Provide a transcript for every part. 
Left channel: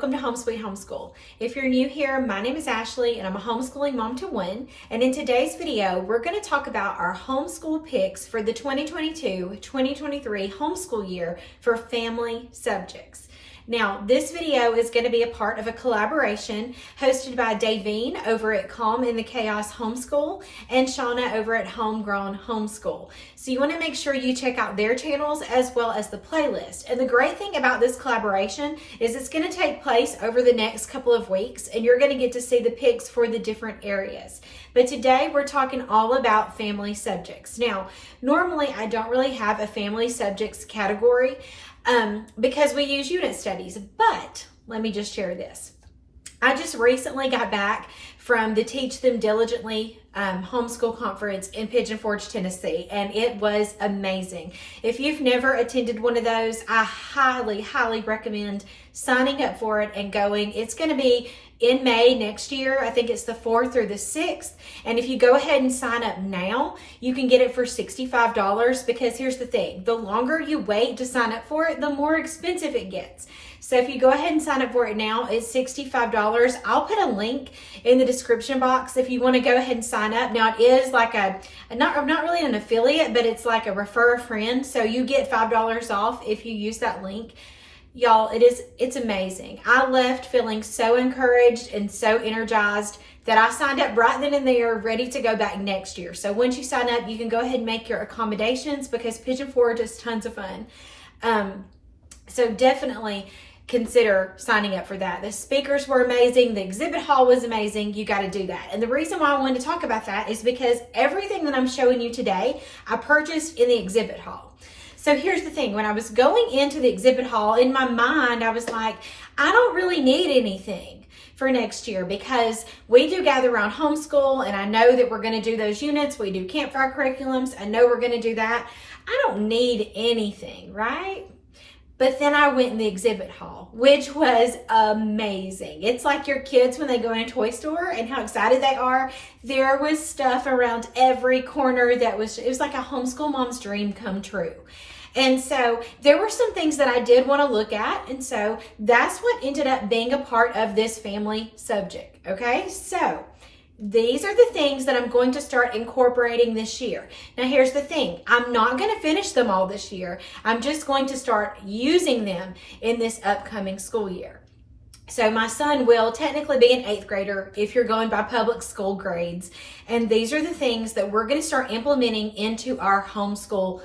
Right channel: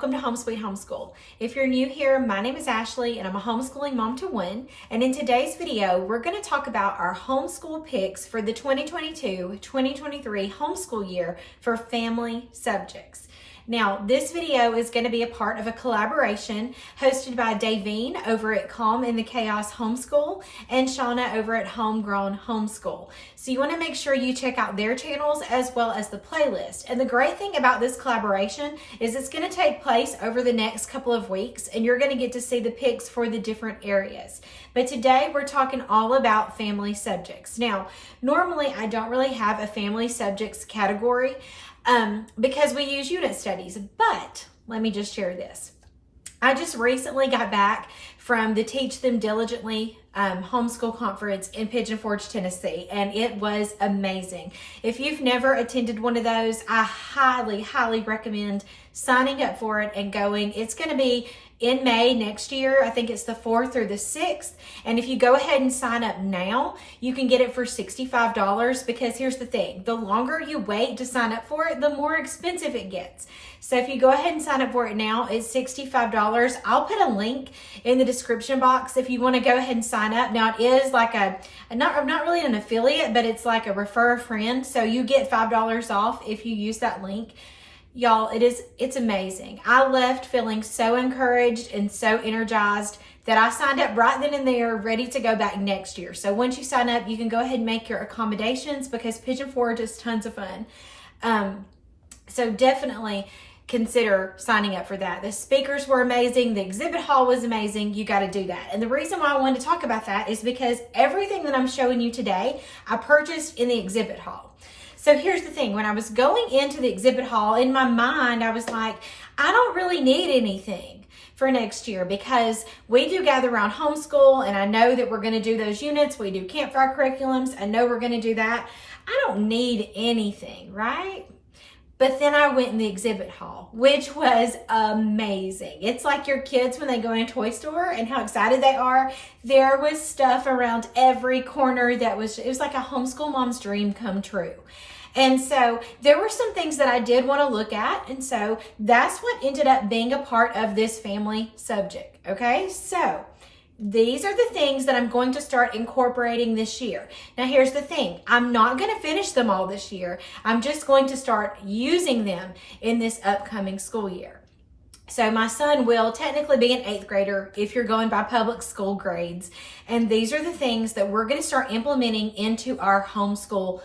welcome to Home Sweet Homeschool. If you're new here, my name is Ashley and I'm a homeschooling mom to one. And in today's video, we're going to talk about our homeschool picks for the 2022-2023 homeschool year for family subjects. Now, this video is going to be a part of a collaboration hosted by Davine over at Calm in the Chaos Homeschool and Shauna over at Homegrown Homeschool. So you want to make sure you check out their channels as well as the playlist. And the great thing about this collaboration is it's going to take place over the next couple of weeks and you're going to get to see the picks for the different areas. But today we're talking all about family subjects. Now, normally I don't really have a family subjects category because we use unit studies, but let me just share this. I just recently got back from the Teach Them Diligently Homeschool Conference in Pigeon Forge, Tennessee, and it was amazing. If you've never attended one of those, I highly recommend signing up for it and going. It's going to be in May next year. I think it's the 4th or the 6th. And if you go ahead and sign up now, you can get it for $65 because here's the thing. The longer you wait to sign up for it, the more expensive it gets. So if you go ahead and sign up for it now, it's $65. I'll put a link in the description box if you want to go ahead and sign up. Now it is like I'm not really an affiliate, but it's like a refer a friend. So you get $5 off if you use that link. Y'all, it's amazing. I left feeling so encouraged and so energized that I signed up right then and there, ready to go back next year. So once you sign up, you can go ahead and make your accommodations because Pigeon Forge is tons of fun. So definitely consider signing up for that. The speakers were amazing. The exhibit hall was amazing. You got to do that. And the reason why I wanted to talk about that is because everything that I'm showing you today, I purchased in the exhibit hall. So here's the thing, when I was going into the exhibit hall, in my mind, I was like, I don't really need anything for next year because we do gather around homeschool and I know that we're going to do those units. We do campfire curriculums. I know we're going to do that. I don't need anything, right? But then I went in the exhibit hall, which was amazing. It's like your kids when they go in a toy store and how excited they are. There was stuff around every corner it was like a homeschool mom's dream come true. And so there were some things that I did want to look at. And so that's what ended up being a part of this family subject. Okay, so these are the things that I'm going to start incorporating this year. Now, here's the thing. I'm not going to finish them all this year. I'm just going to start using them in this upcoming school year. So my son will technically be an 8th grader if you're going by public school grades. And these are the things that we're going to start implementing into our homeschool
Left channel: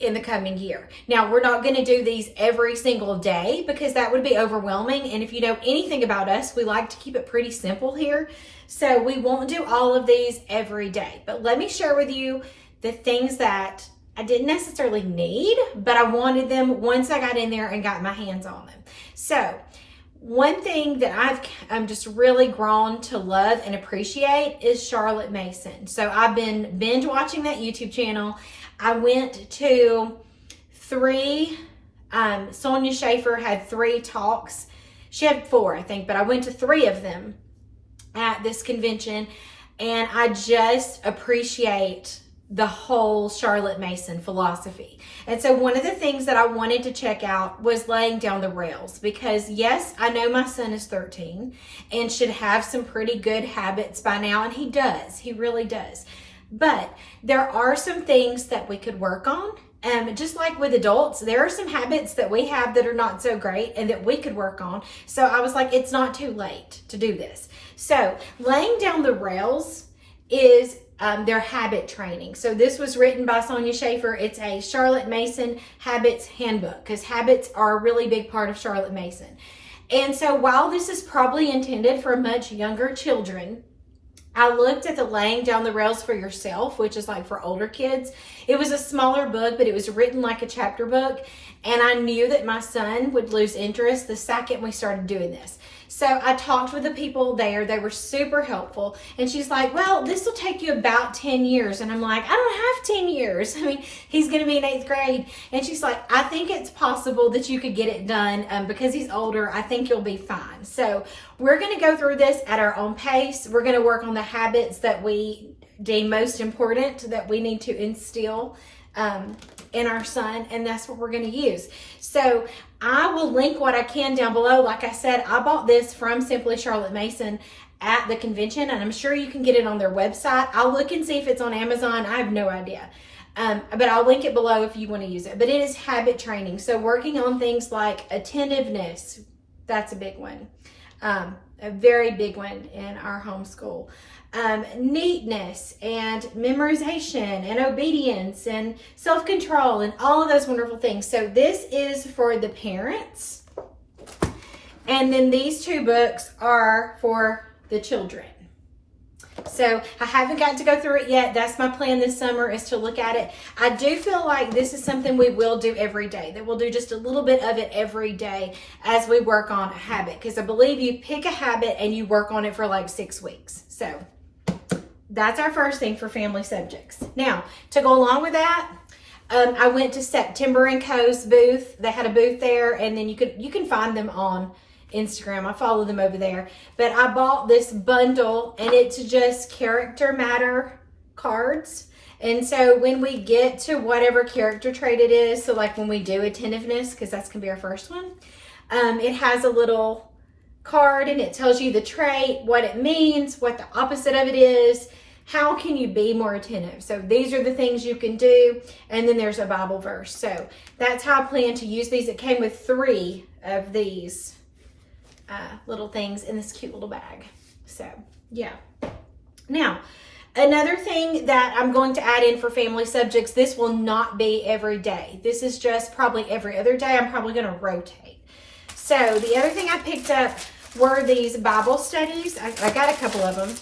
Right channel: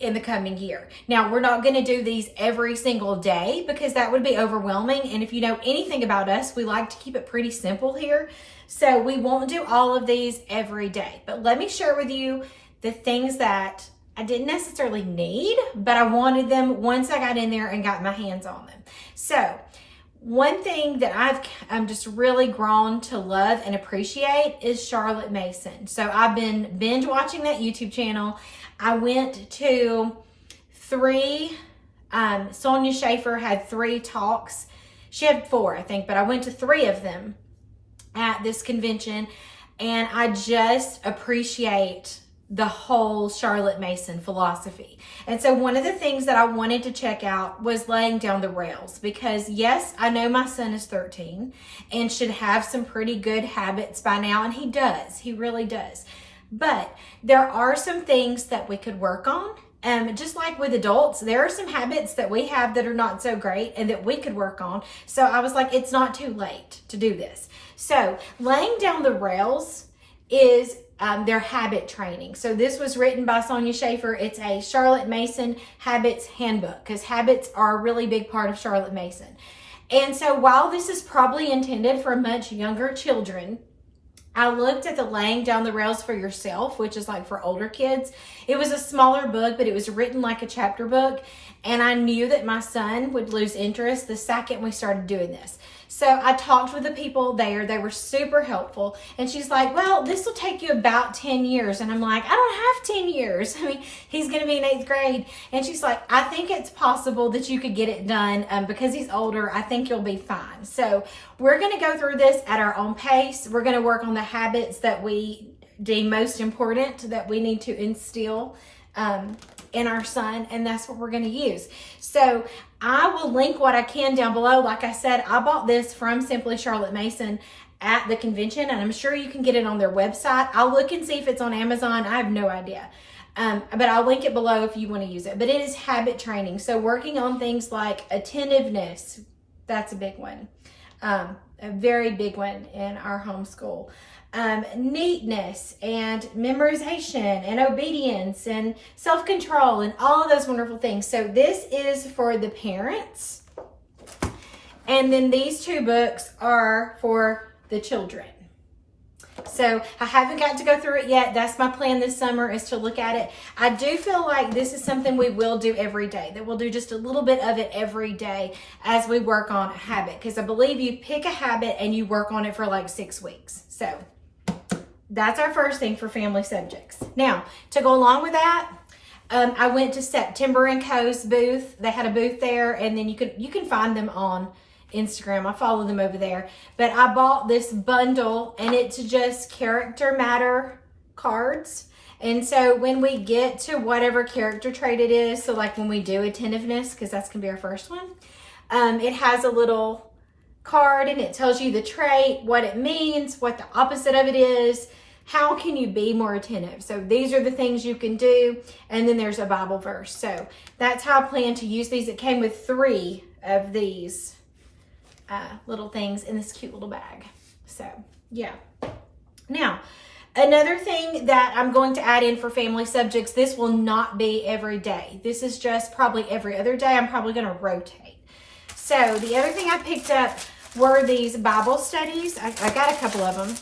in the coming year. Now, we're not going to do these every single day because that would be overwhelming. And if you know anything about us, we like to keep it pretty simple here. So we won't do all of these every day. But let me share with you the things that I didn't necessarily need, but I wanted them once I got in there and got my hands on them. So one thing that I'm just really grown to love and appreciate is Charlotte Mason. So I've been binge watching that YouTube channel. I went to 3, Sonia Schaefer had 3 talks. She had 4, I think, but I went to 3 of them at this convention, and I just appreciate the whole Charlotte Mason philosophy. And so one of the things that I wanted to check out was laying down the rails because yes, I know my son is 13 and should have some pretty good habits by now, and he does, he really does. But there are some things that we could work on. Just like with adults, there are some habits that we have that are not so great and that we could work on. So I was like, it's not too late to do this. So laying down the rails is their habit training. So this was written by Sonia Schaefer. It's a Charlotte Mason Habits Handbook because habits are a really big part of Charlotte Mason. And so while this is probably intended for much younger children, I looked at the Laying Down the Rails for Yourself, which is like for older kids. It was a smaller book, but it was written like a chapter book. And I knew that my son would lose interest the second we started doing this. So I talked with the people there. They were super helpful. And she's like, well, this will take you about 10 years. And I'm like, I don't have 10 years. I mean, he's going to be in 8th grade. And she's like, I think it's possible that you could get it done because he's older. I think you'll be fine. So we're going to go through this at our own pace. We're going to work on the habits that we deem most important that we need to instill in our son, and that's what we're going to use. So I will link what I can down below. Like I said, I bought this from Simply Charlotte Mason at the convention, and I'm sure you can get it on their website. I'll look and see if it's on Amazon. I have no idea. But I'll link it below if you want to use it. But it is habit training. So working on things like attentiveness, that's a big one. A very big one in our homeschool. Neatness and memorization and obedience and self-control and all of those wonderful things. So this is for the parents. And then these two books are for the children. So I haven't got to go through it yet. That's my plan this summer, is to look at it. I do feel like this is something we will do every day, that we'll do just a little bit of it every day as we work on a habit. Because I believe you pick a habit and you work on it for like 6 weeks. So that's our first thing for family subjects. Now, to go along with that, I went to September & Co.'s booth. They had a booth there, and then you can find them on Instagram. I follow them over there. But I bought this bundle, and it's just character matter cards. And so when we get to whatever character trait it is, so like when we do attentiveness, because that's going to be our first one, it has a little card, and it tells you the trait, what it means, what the opposite of it is, how can you be more attentive. So these are the things you can do, and then there's a Bible verse. So that's how I plan to use these. It came with 3 of these little things in this cute little bag. So yeah. Now, another thing that I'm going to add in for family subjects, this will not be every day. This is just probably every other day. I'm probably going to rotate. So the other thing I picked up were these Bible studies. I got a couple of them.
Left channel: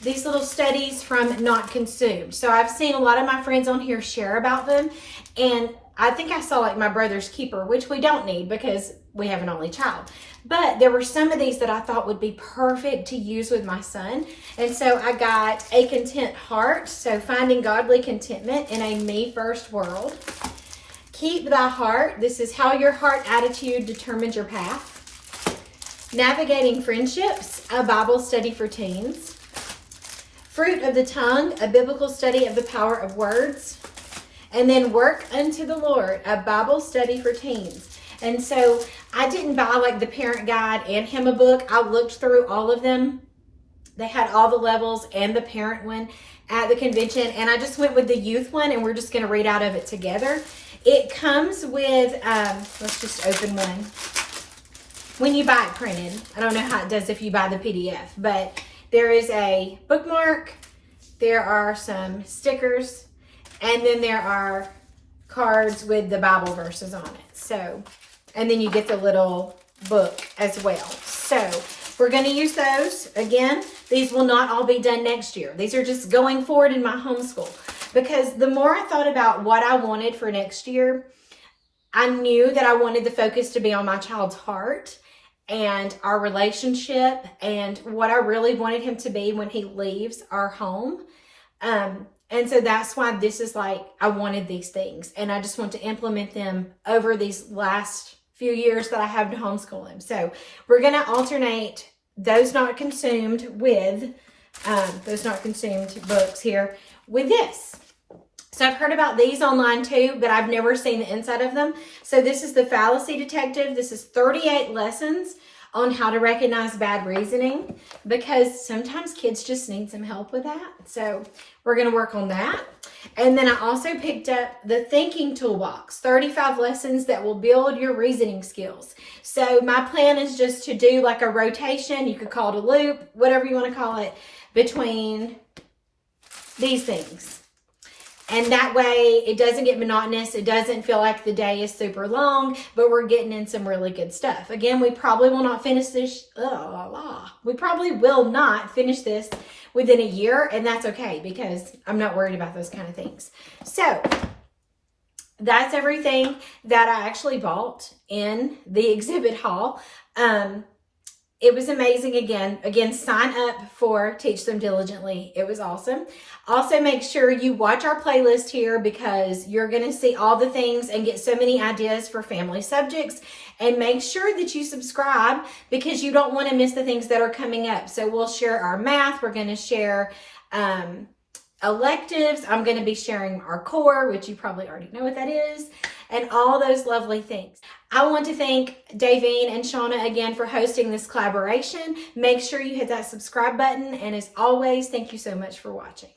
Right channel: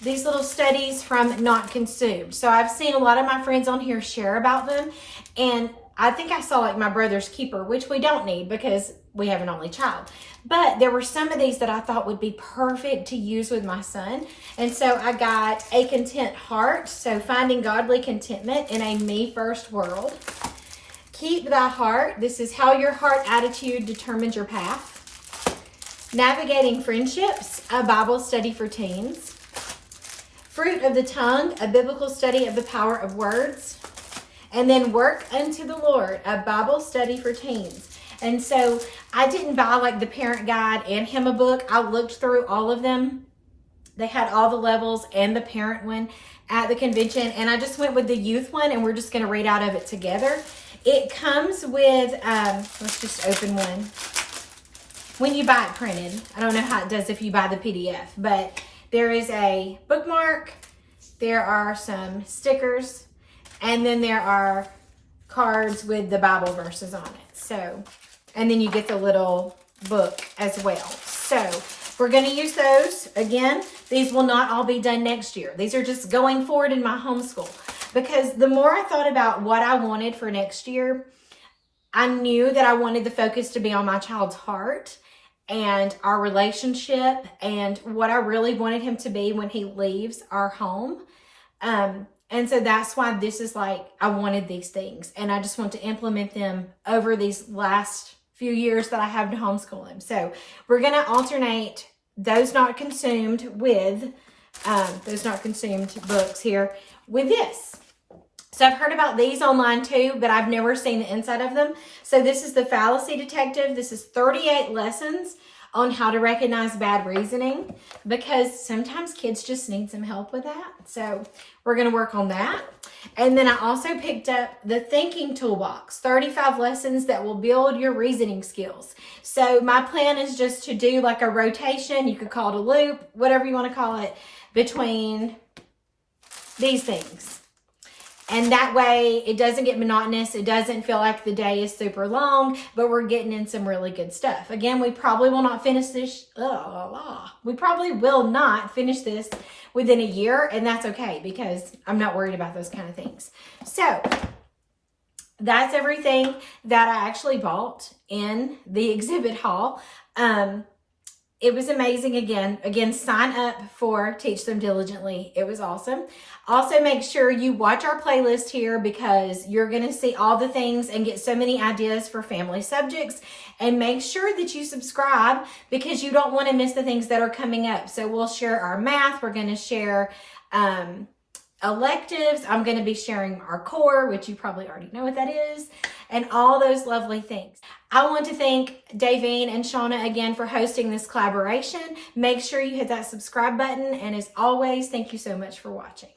These little studies from Not Consumed. So I've seen a lot of my friends on here share about them, and I think I saw like My Brother's Keeper, which we don't need because we have an only child. But there were some of these that I thought would be perfect to use with my son. And so I got A Content Heart, so finding godly contentment in a me first world. Keep Thy Heart, this is how your heart attitude determines your path. Navigating Friendships, a Bible study for teens. Fruit of the Tongue, a biblical study of the power of words. And then Work Unto the Lord, a Bible study for teens. And so I didn't buy like the parent guide and him a book. I looked through all of them. They had all the levels and the parent one at the convention. And I just went with the youth one, and we're just going to read out of it together. It comes with, let's just open one. When you buy it printed, I don't know how it does if you buy the PDF, but there is a bookmark, there are some stickers, and then there are cards with the Bible verses on it. So, and then you get the little book as well. So we're going to use those. Again, these will not all be done next year. These are just going forward in my homeschool. Because the more I thought about what I wanted for next year, I knew that I wanted the focus to be on my child's heart and our relationship and what I really wanted him to be when he leaves our home. And so that's why this is like, I wanted these things, and I just want to implement them over these last few years that I have to homeschool him. So we're going to alternate those not consumed with, those not consumed books here with this. So I've heard about these online too, but I've never seen the inside of them. So this is the Fallacy Detective. This is 38 lessons on how to recognize bad reasoning, because sometimes kids just need some help with that. So we're going to work on that. And then I also picked up the Thinking Toolbox, 35 lessons that will build your reasoning skills. So my plan is just to do like a rotation, you could call it a loop, whatever you want to call it, between these things. And that way it doesn't get monotonous. It doesn't feel like the day is super long, but we're getting in some really good stuff. Again, we probably will not finish this. We probably will not finish this within a year, and that's okay because I'm not worried about those kind of things. So that's everything that I actually bought in the exhibit hall. It was amazing. Again, sign up for Teach Them Diligently. It was awesome. Also, make sure you watch our playlist here, because you're going to see all the things and get so many ideas for family subjects. And make sure that you subscribe, because you don't want to miss the things that are coming up. So we'll share our math. We're going to share a electives. I'm going to be sharing our core, which you probably already know what that is, and all those lovely things. I want to thank Davine and Shauna again for hosting this collaboration. Make sure you hit that subscribe button, and as always, thank you so much for watching.